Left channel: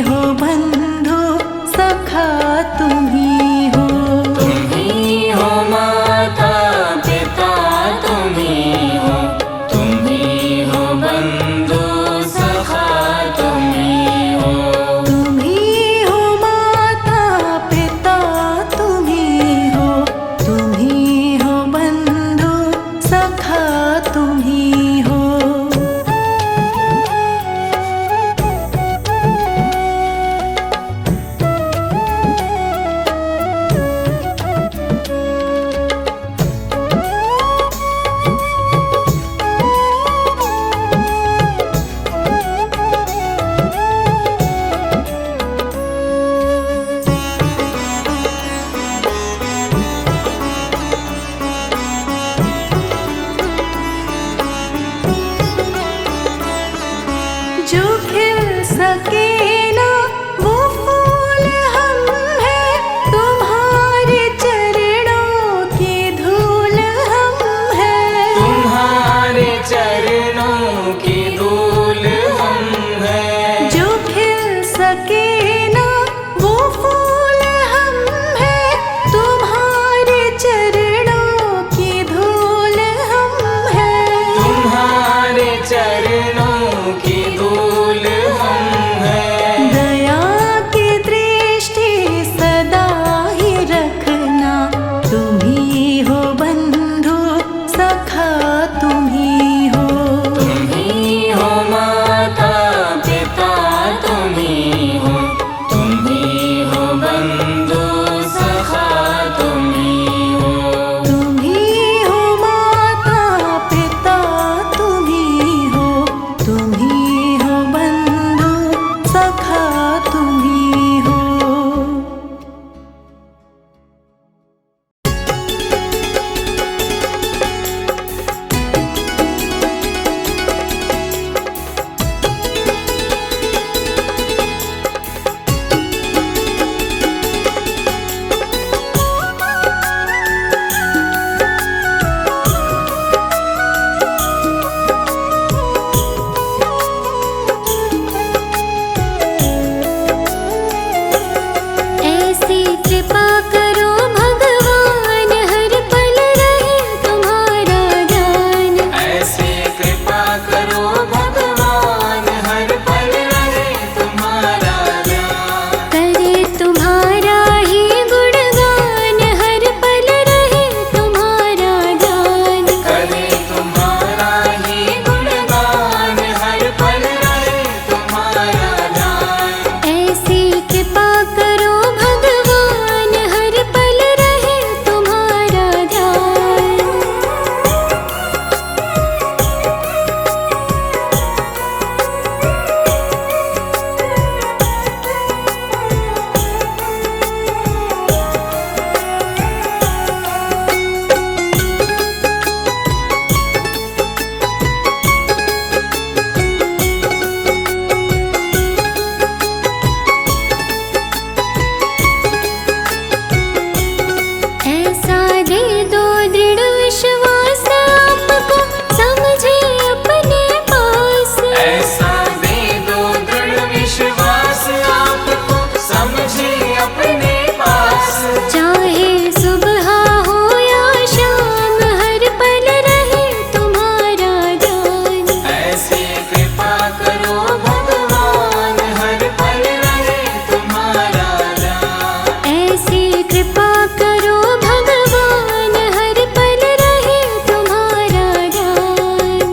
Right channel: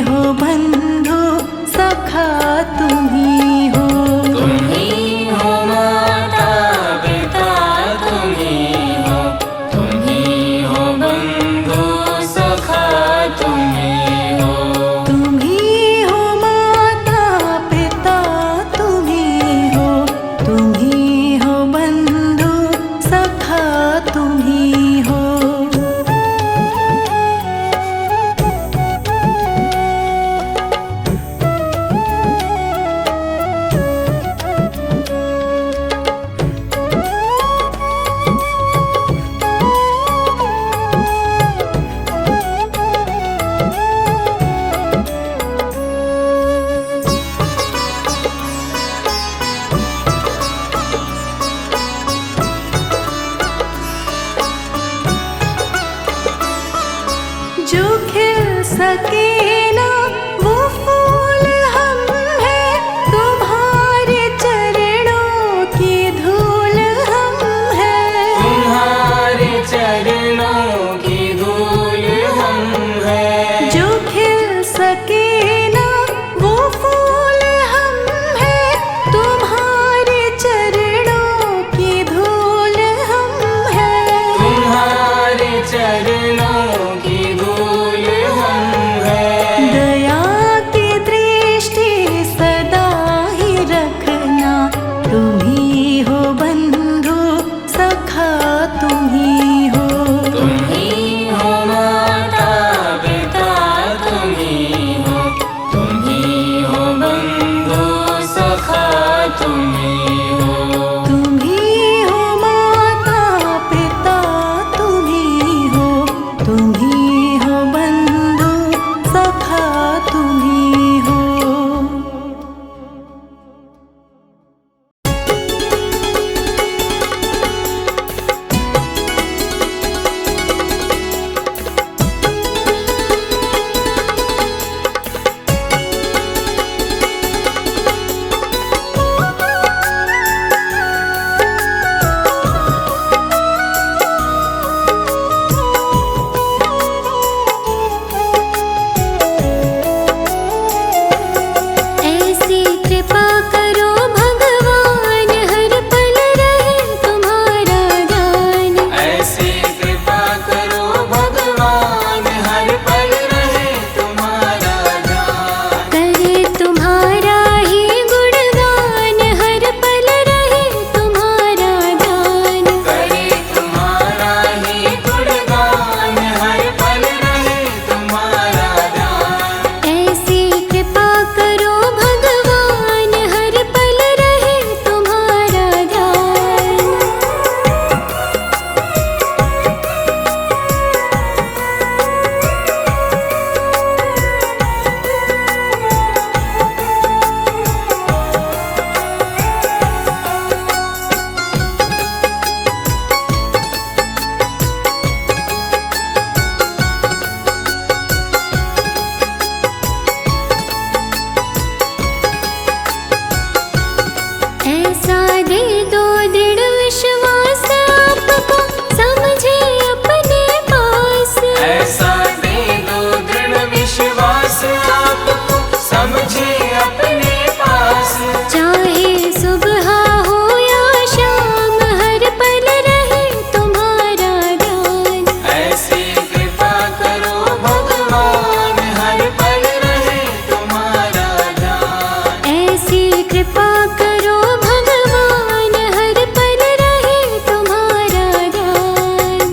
हो बंधु सखा तुम्ही हो। तुम्ही हो माता पिता तुम्ही हो, तुम्ही हो बंधु सखा तुम्ही हो। तुम्ही हो माता पिता तुम्ही हो, तुम्ही हो बंधु सखा तुम्ही हो। जो खिल सके ना वो फूल हम हैं, तुम्हारे चरणों की धूल हम हैं। तुम्हारे चरणों की धूल हम हैं। जो खिल सके ना वो फूल हम हैं, तुम्हारे चरणों की धूल हम हैं। तुम्हारे चरणों की धूल हम हैं। दया की दृष्टि सदा ही रखना, तुम्ही हो बंधु सखा तुम्ही हो। तुम्ही हो माता पिता तुम्ही हो, तुम्ही हो बंधु सखा तुम्ही हो। तुम्ही हो माता पिता तुम्ही हो, तुम्ही हो बंधु सखा तुम्ही हो। ऐसी कृपा करो भगवान, हर पल रहे तुम्हारा ध्यान। ऐसी कृपा करो भगवान, हर पल रहे तुम्हारा ध्यान। करे तुम्हारा ही गुणगान, हर पल रहे तुम्हारा ध्यान। करे तुम्हारा ही गुणगान, हर पल रहे तुम्हारा ध्यान। ऐसी कृपा करो भगवान, हर पल रहे तुम्हारा ध्यान। ऐसा दे दो दृढ़ विश्वास, आपको समझे अपने पास। ऐसा दे दो दृढ़ विश्वास, आपको समझे अपने पास। चाहे सुबह हो या शाम, हर पल रहे तुम्हारा ध्यान। ऐसी कृपा करो भगवान, हर पल रहे तुम्हारा ध्यान। ऐसी कृपा करो भगवान, हर पल रहे तुम्हारा ध्यान।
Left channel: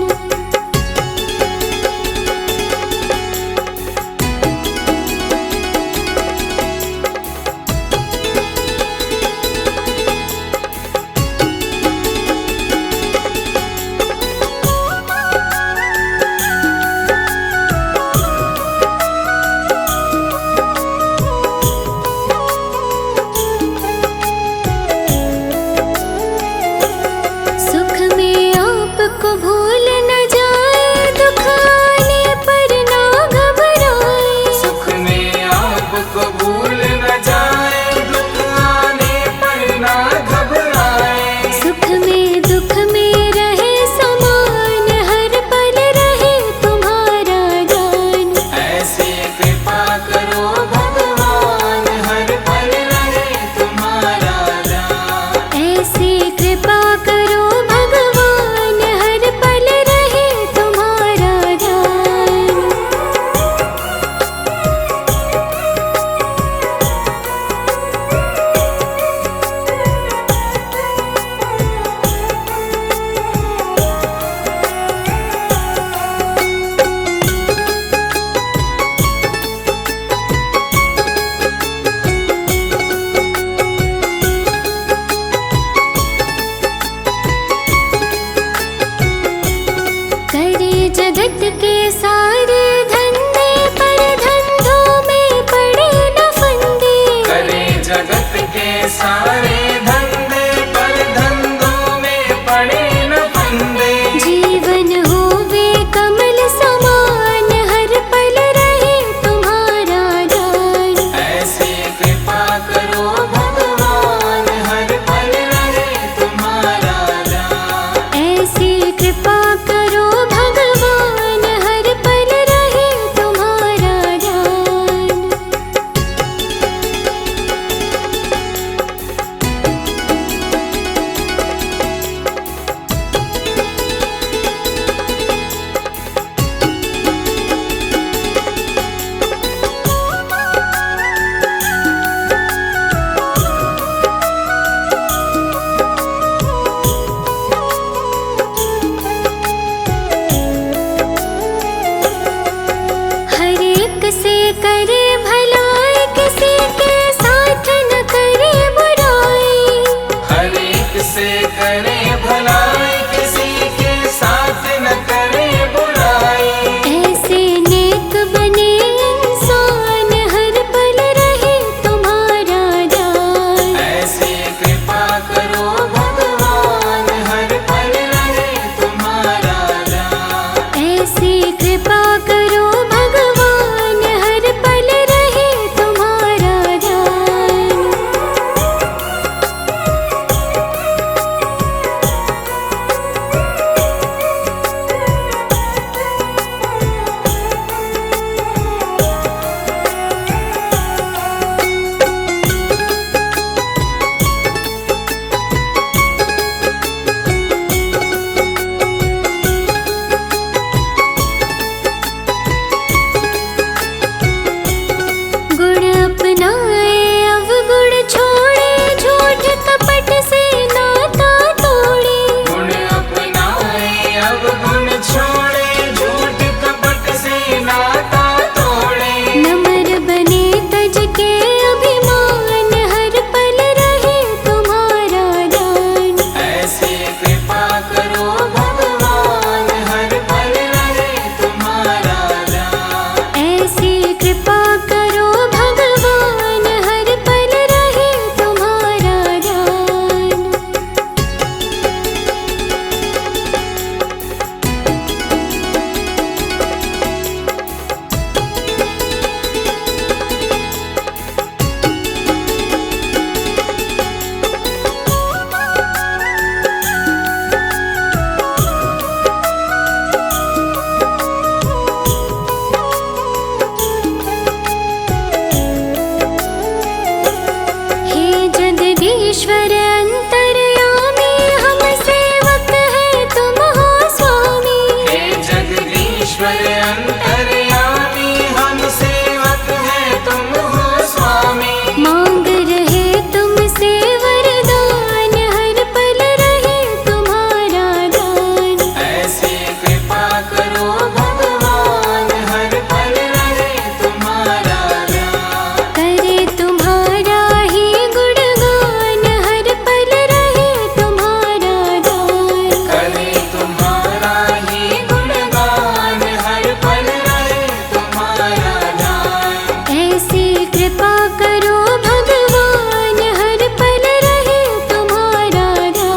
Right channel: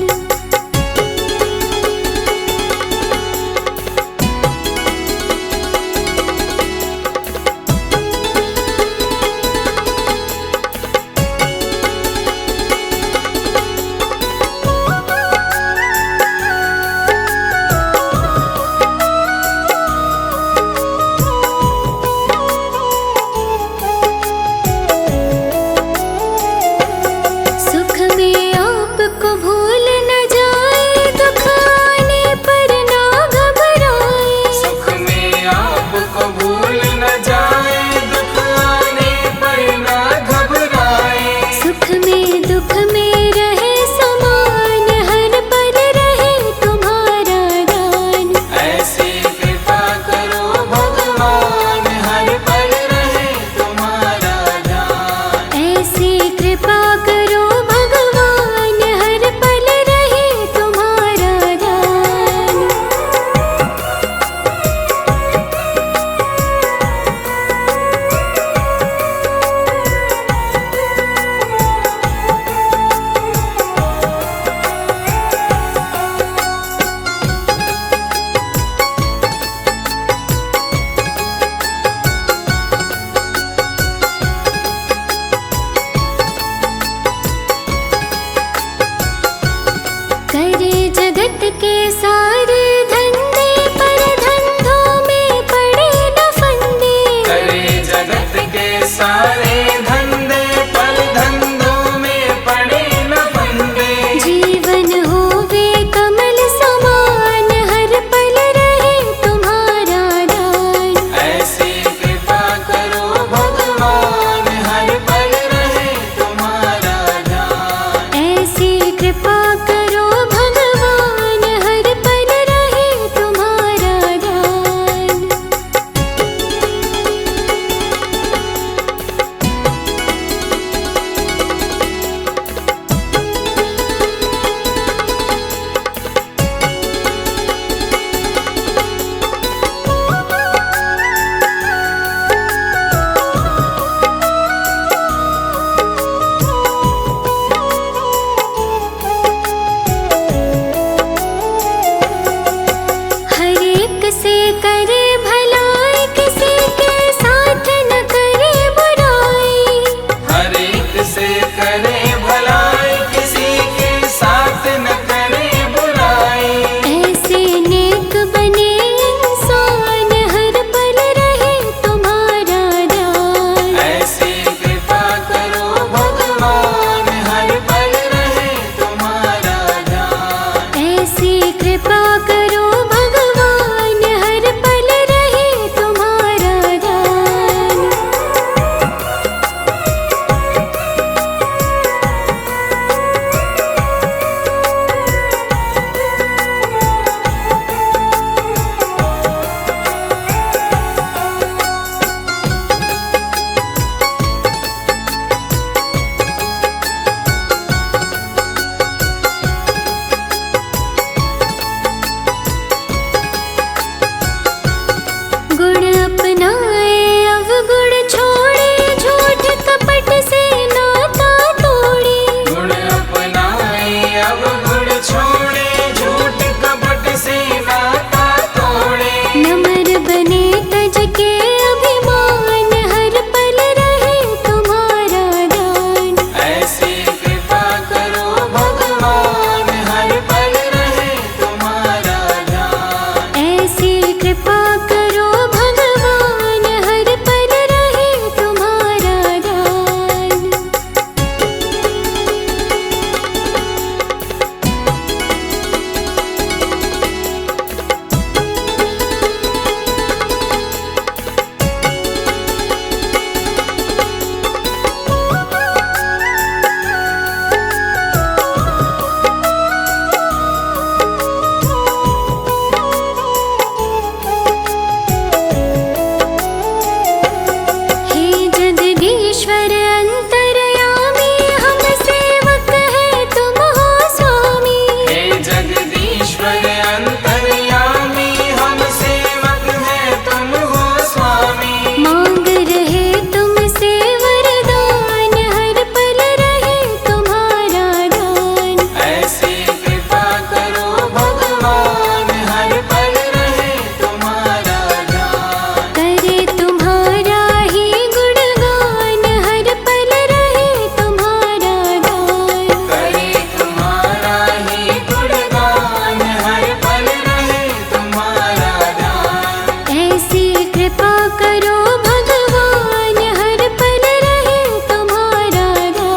जगदीश्वर अंतर्यामी हम सेवक है तुम हो स्वामी। हे जगदीश्वर अंतर्यामी हम सेवक है तुम हो स्वामी। मांग रहे तुमसे वरदान हर पल रहे तुम्हारा दान। ऐसी कृपा करो भगवान हर पल रहे तुम्हारा ध्यान। करे तुम्हारा ही गुणगान हर पल रहे तुम्हारा गान। करे तुम्हारा ही गुणगान हर पल रहे तुम्हारा ध्यान। ऐसी कृपा करो भगवान हर पल रहे तुम्हारा ध्यान।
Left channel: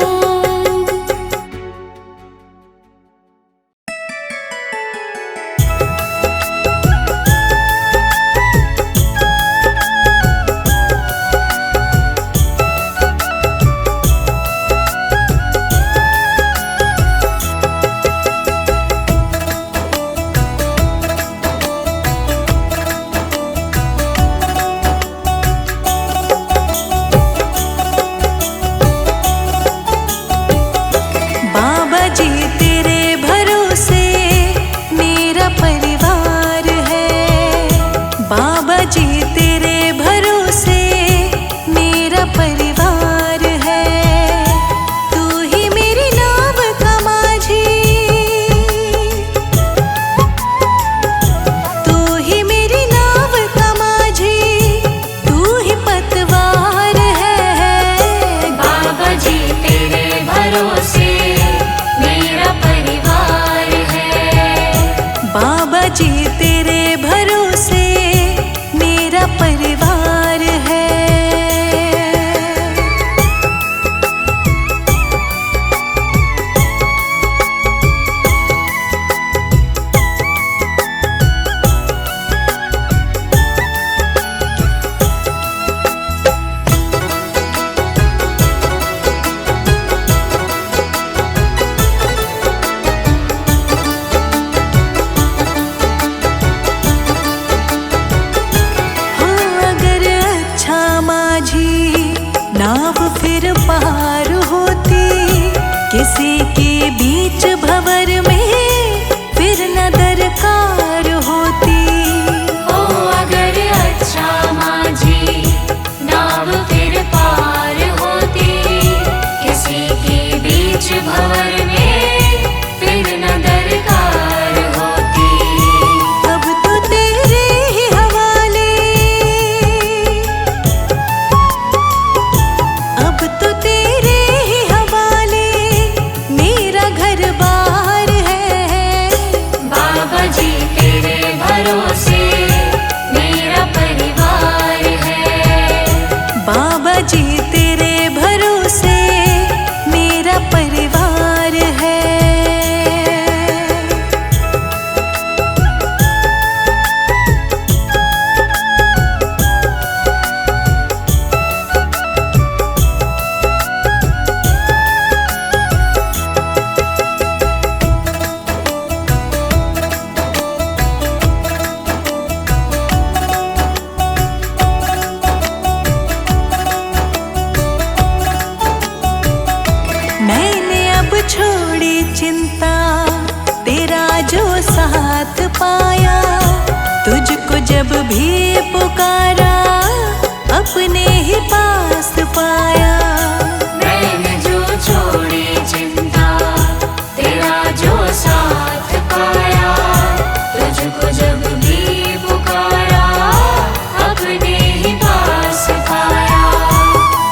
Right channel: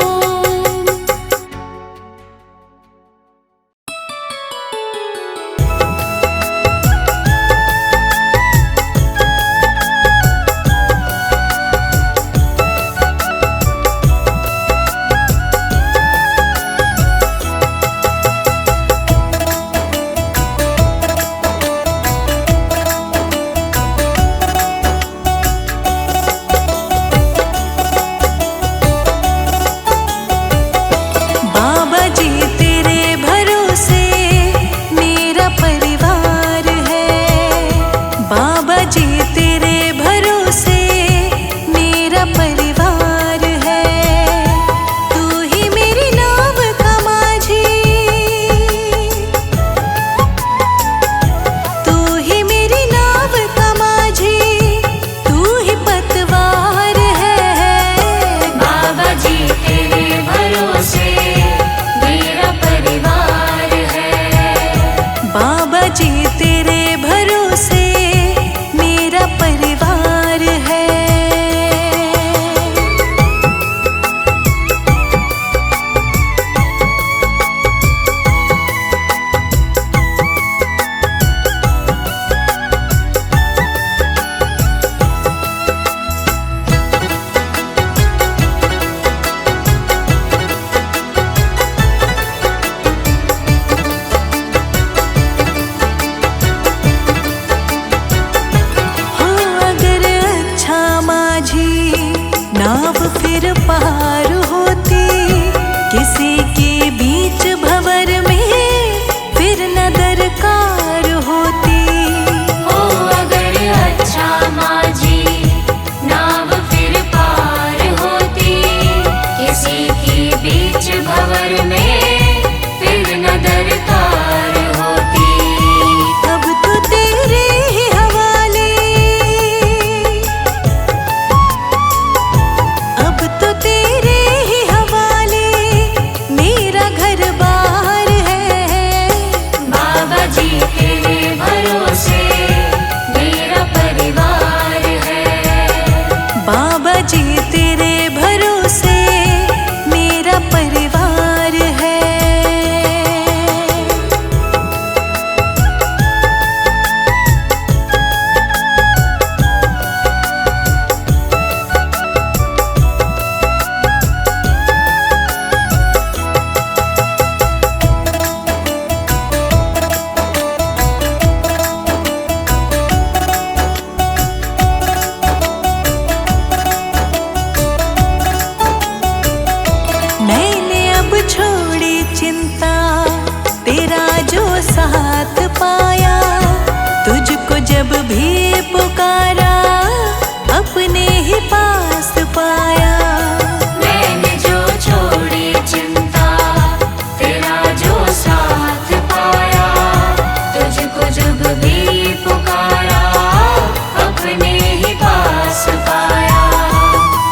बाबा जी तेरे भरोसे मेरा परिवार है। बाबा जी तेरे भरोसे मेरा परिवार है। तू ही मेरी नाव का माझी, तू ही मेरी नाव का माझी, तू ही पतवार है। बाबा जी तेरे भरोसे मेरा परिवार है। बाबा जी तेरे भरोसे मेरा परिवार है। हो अगर अच्छा माझी नाव फिर पार होती, किसी के बीच भंवर में फिर न दरकार होती। ओ अगर अच्छा माझी नाव फिर पार होती, किसी के बीच भंवर में फिर न दरकार होती। अब तो तेरे ही हवाले, अब तो तेरे ही हवाले मेरा घर बार है। बाबा जी तेरे भरोसे मेरा परिवार है। बाबा जी तेरे भरोसे मेरा परिवार है। मैंने अब छोड़ी चिंता, तेरा जो साथ पाया। तुझको जब भी पुकारा अपने ही पास पाया। मैंने जो छोड़ी चिंता, तेरा जो साथ पाया। तुझको जब भी पुकारा अपने ही पास पाया।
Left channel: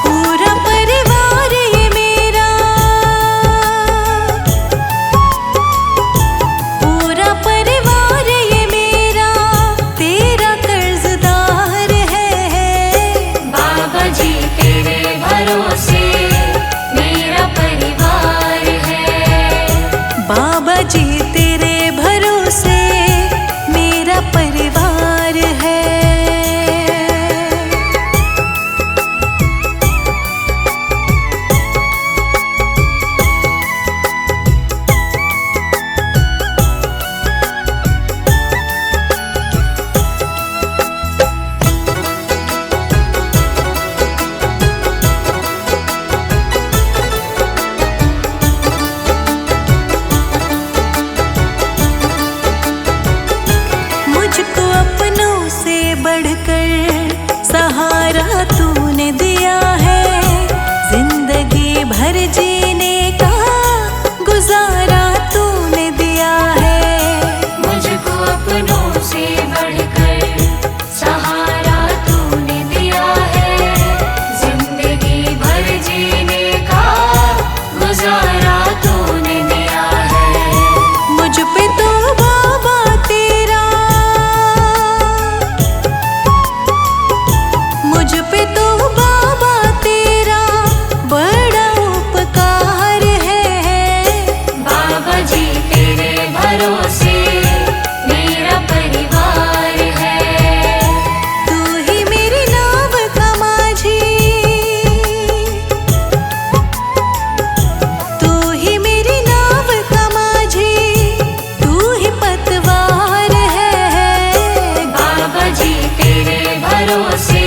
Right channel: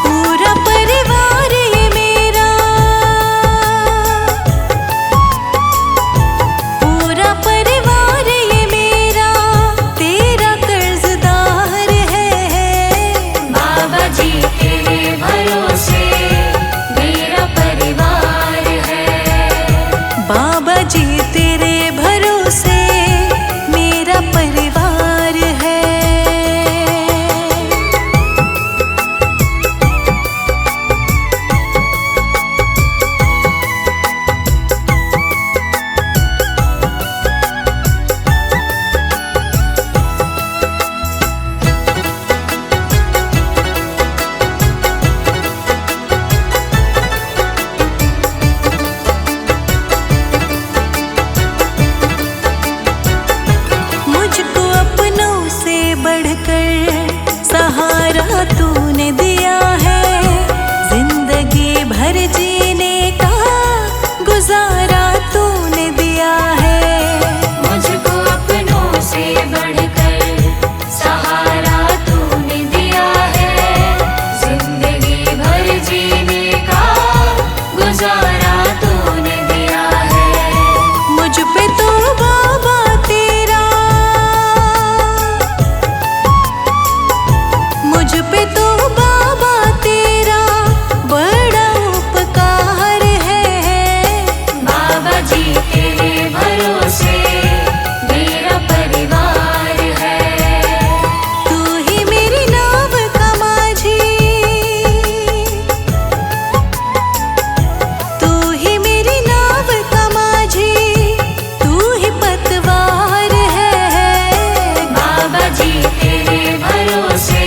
पूरा परिवार ये मेरा, पूरा परिवार ये मेरा तेरा कर्जदार है। बाबा जी तेरे भरोसे भर जीने का गुजारा तूने दिया है। मुझको अपनों से बढ़कर सहारा तूने दिया है। जिंदगी भर जीने का गुजारा तूने दिया है। मुझ पे तो बाबा तेरा, मुझ पे तो बाबा तेरा बड़ा उपकार है। बाबा जी तेरे भरोसे मेरा परिवार है। तू ही मेरी नाव का माझी, तू ही मेरी नाव का माझी, तू ही पतवार है। बाबा जी तेरे भरोसे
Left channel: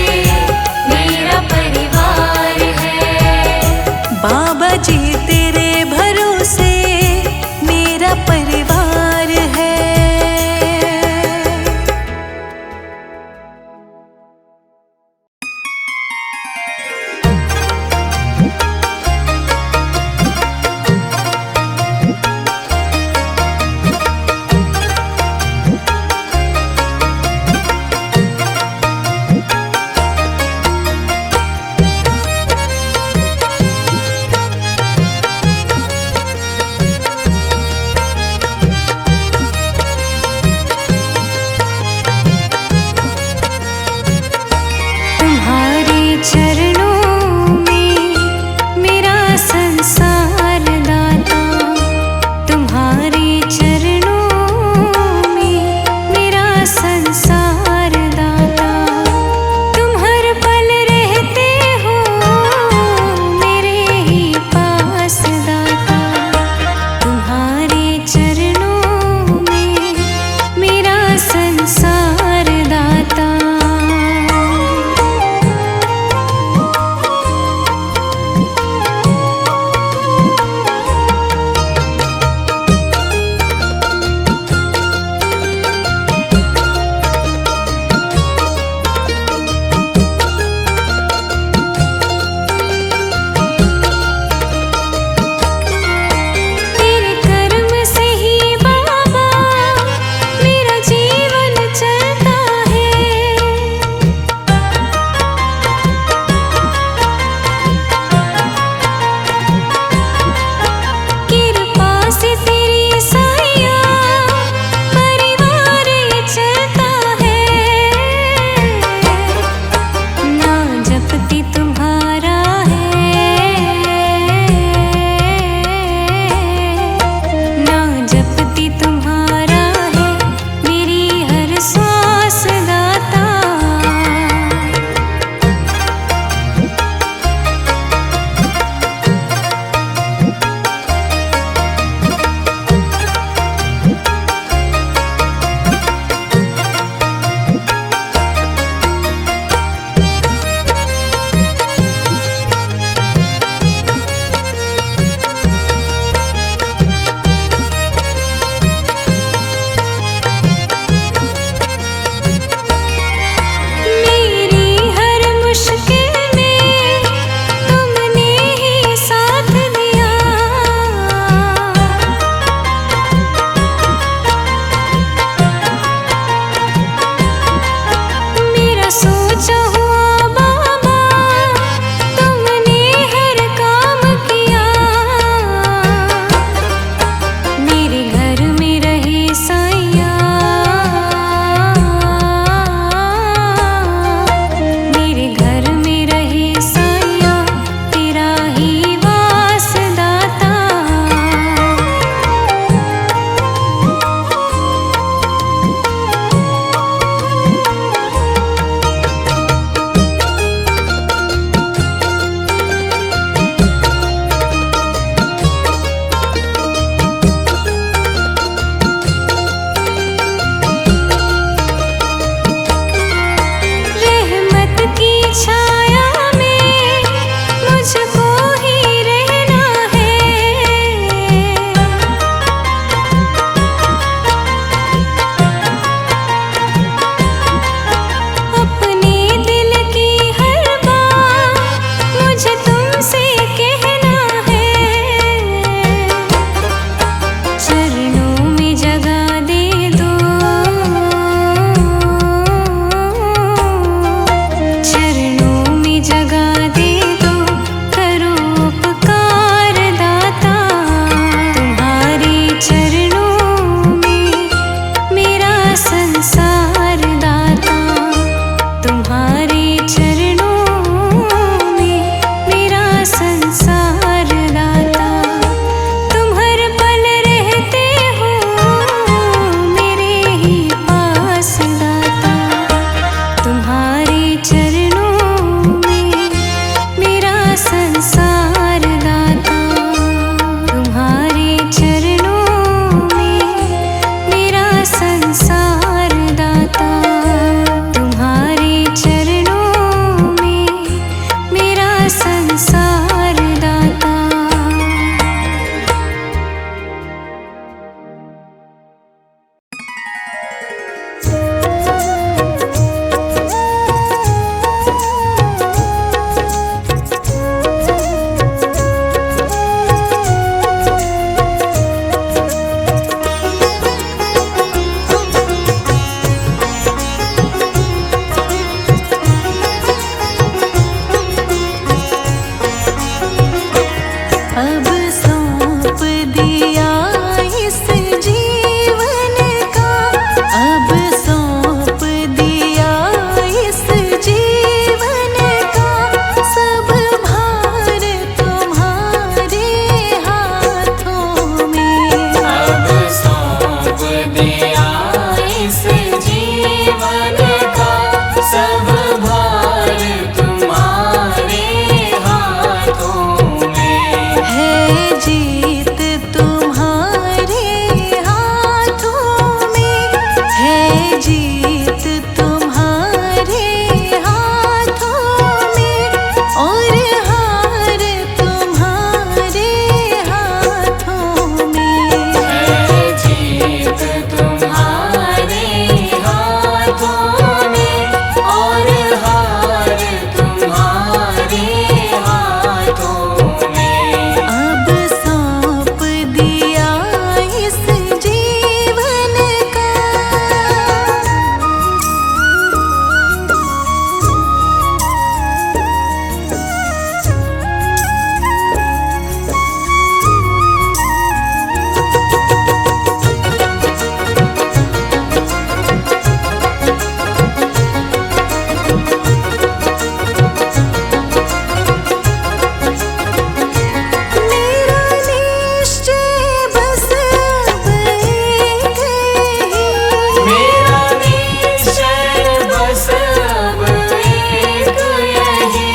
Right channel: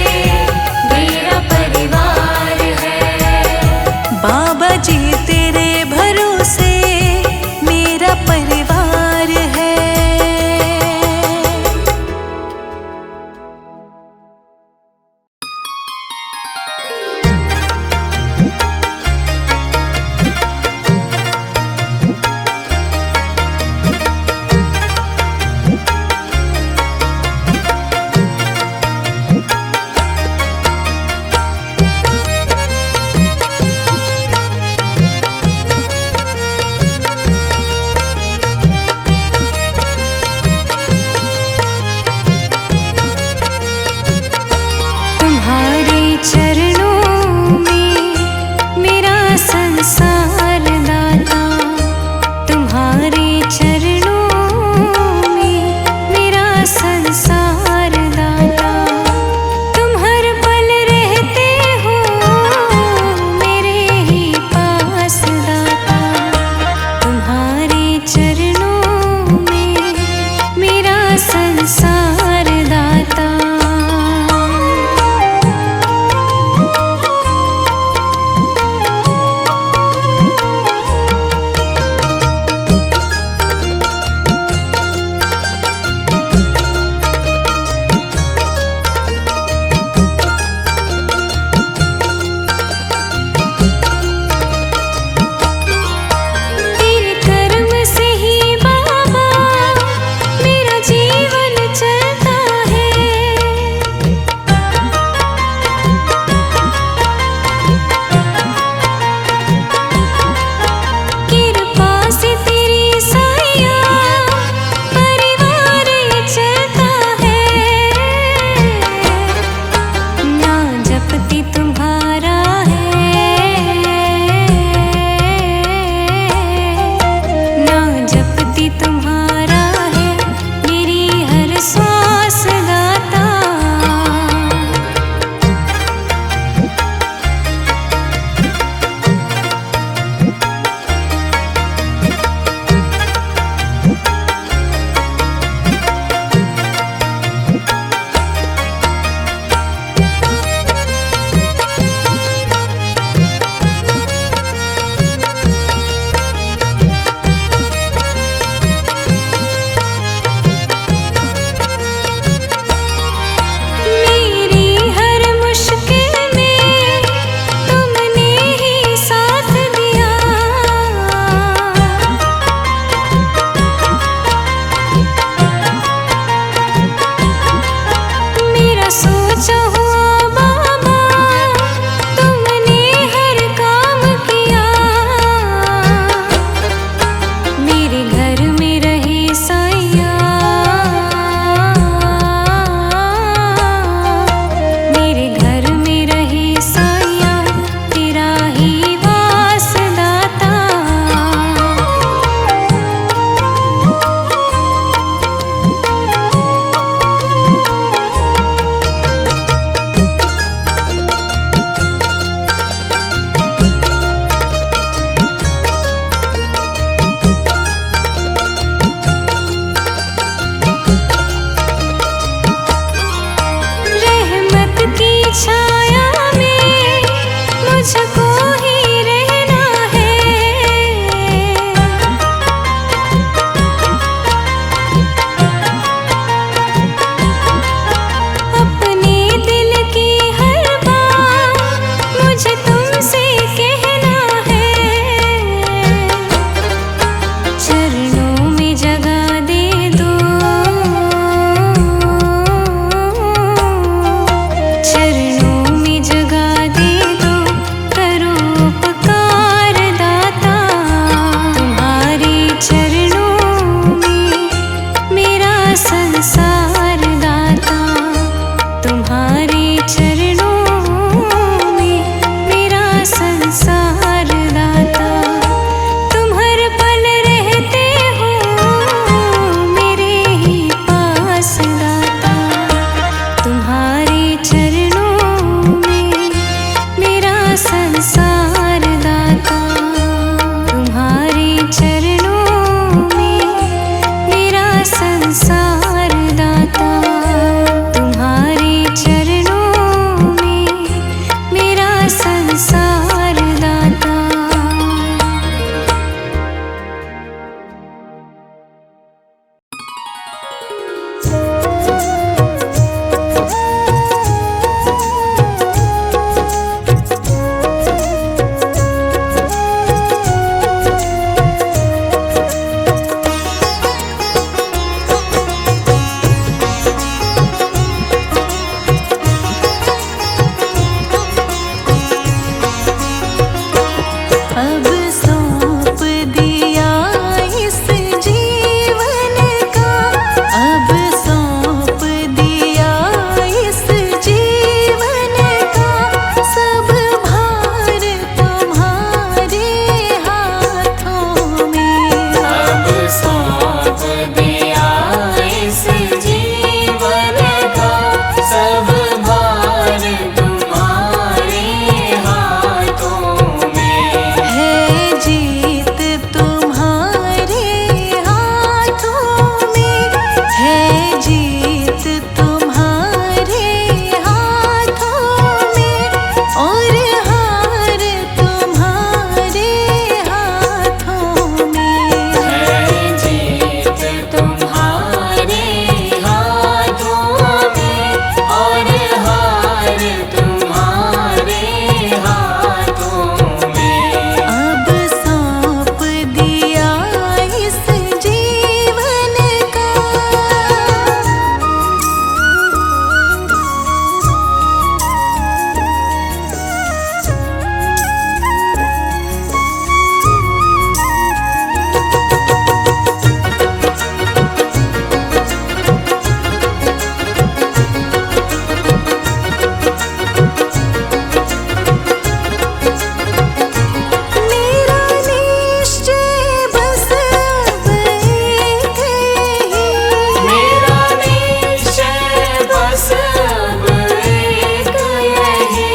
मेरा परिवार है। बाबा जी तेरे भरोसे मेरा परिवार है। तुम्हारे चरणों में मेरा संसार दाता, तुम्हारे चरणों में मेरा संसार दाता। तुम हर पल रहते हो मेरे ही पास दाता, तुम्हारे चरणों में मेरा संसार दाता। तेरे कर्म से ही बाबा मेरा जीवन चलता है। कृपा से तेरी साया परिवार ये चलता है। ना जपती तुम्हारा है, ना जपती तुम्हारा है मेरी हर श्वास दाता। मेरी हर मुश्किल में तुमने ही साथ दिया। मेरा सोचा हुआ बाबा तुमने हर काम किया। मेरे घर में रहे साइया, मेरे घर में रहे साइया तेरा ही वास दाता। अब सौंप दिया इस जीवन का, अब सौंप दिया इस जीवन का, सब भार तुम्हारे हाथों में। अब सौंप दिया इस जीवन का, सब भार तुम्हारे हाथों में। है जीत तुम्हारे हाथों में, है जीत तुम्हारे हाथों में, और हार तुम्हारे हाथों में। है जीत तुम्हारे हाथों में, और हार तुम्हारे हाथों में। अब सौंप दिया इस जीवन का। मेरा निश्चय बस अब एक ही, मेरा निश्चय बस अब एक यही।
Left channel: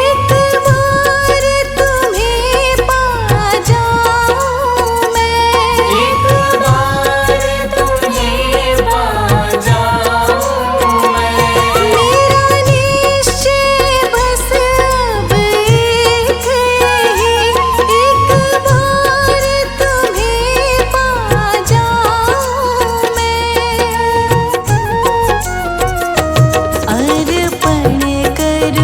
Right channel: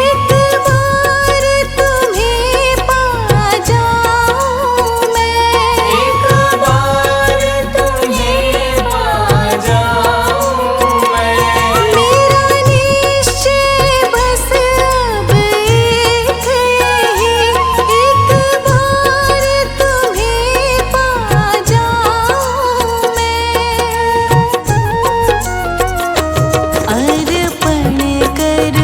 एक बार तुम्हें पा जाऊं मैं, एक बार तुम्हें पा जाऊं मैं। मेरा निश्चय बस अब एक ही, एक बार तुम्हें पा जाऊं मैं। अर्पण कर